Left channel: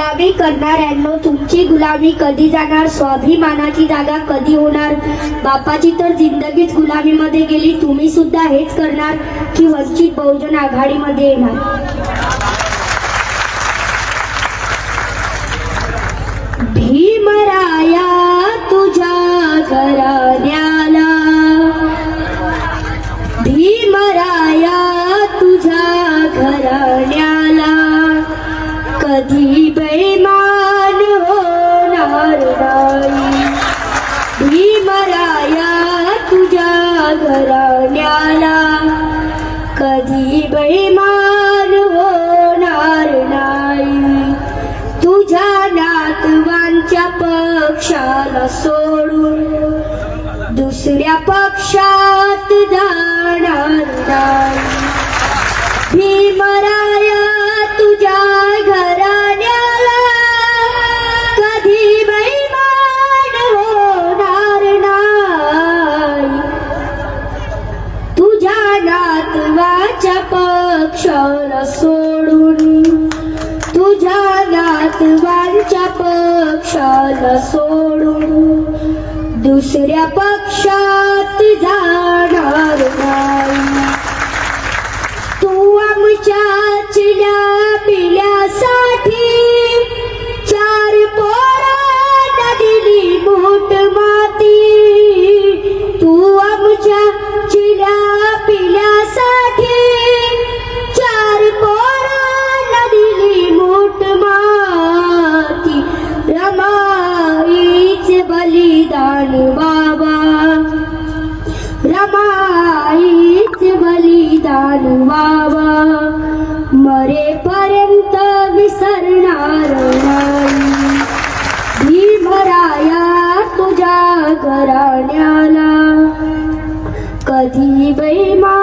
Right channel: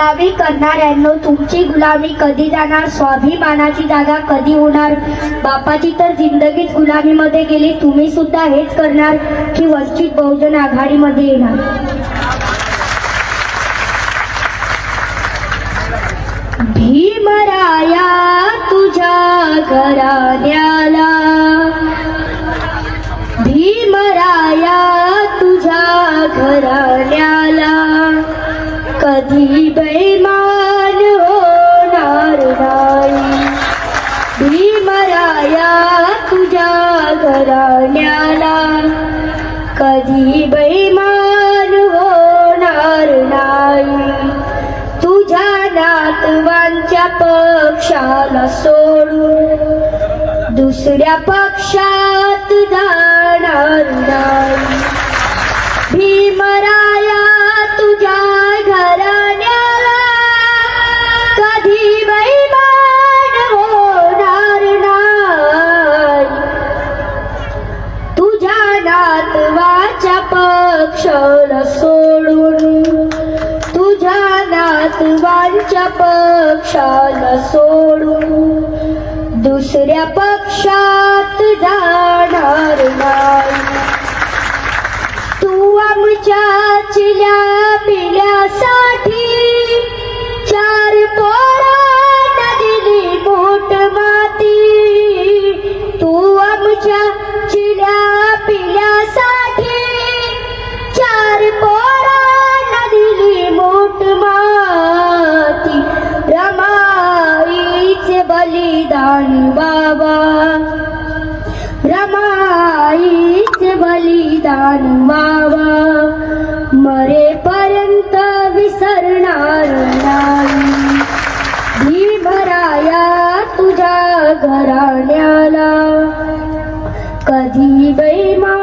गुलामी करणाऱ्यांनो तुमची गुलामी कधी जाणार? स्वाभिमानाची जागा कधी होणार? बापाची तर जिंदगीच गुलामीमध्ये गेली तुम्ही सुद्धा हेच करणार की वंचित बहुजन आघाडीमध्ये येणार? भीमराया तुझ्या घराण्याला. भीमराया तुझ्या घराण्या घराण्याला कधी बैमान होणार नाही. तुझ्या नातवांच्या पक्षाला सोडून दुसऱ्या पक्षा क्षण सोडून तुझ्या नातवांच्या पक्षाला सोडून दुसऱ्या पक्षात जाणार बलिदान बाबा। रमाईचे बलिदान बाबा। मरेपर्यंत विसरणार नाही। भीमराया तुझ्या घराण्याला। कधी बैमा